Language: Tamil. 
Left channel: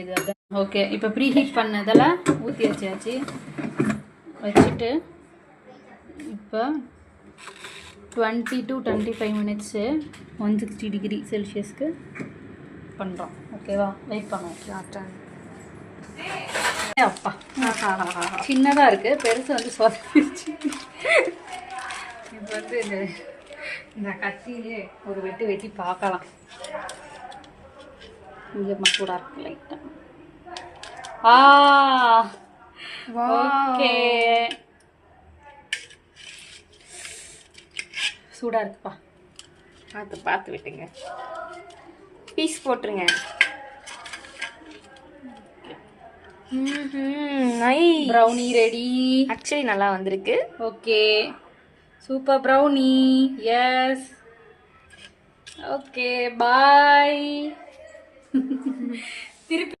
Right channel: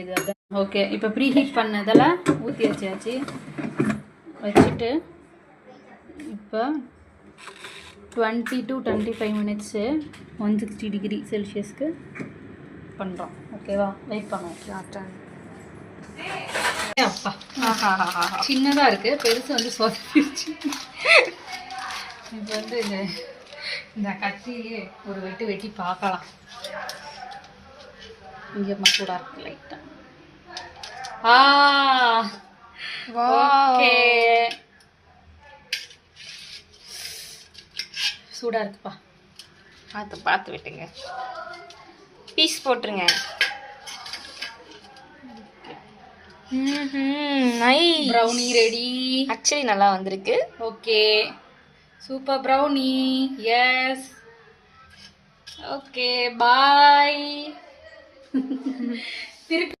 இது அதான் ஓகே. இப்போ ப்ரீ ஹீட் பண்ணதெல்லாம் ஊற்றி வச்சாச்சு. வச்சுட்டு இப்போ 20 to 25 மினிட்ஸு 160 டிகிரி செல்சியஸ்க்கு பண்ணுறோம். ஓகேவா? வெயிட் பண்ணுவோம். அப்பா சின்னதாக இருக்குது, பெருசு வந்து சொதப்பிடுச்சு. இப்போ வந்து இந்த கத்தியிலே ஒரு வெட்டி பார்க்கலாம். இங்கே சூடாக இருக்குது லைட்டாக. ஓகே, சூடாக இருக்குப்பா. பார்த்து விட்டுங்க, பீஸ் போட்டுருங்க. Brownie ready. ஆக்சுவலி நல்லா வந்திருக்கு. Okay, super brownie. Yes, okay, bye. திருப்பி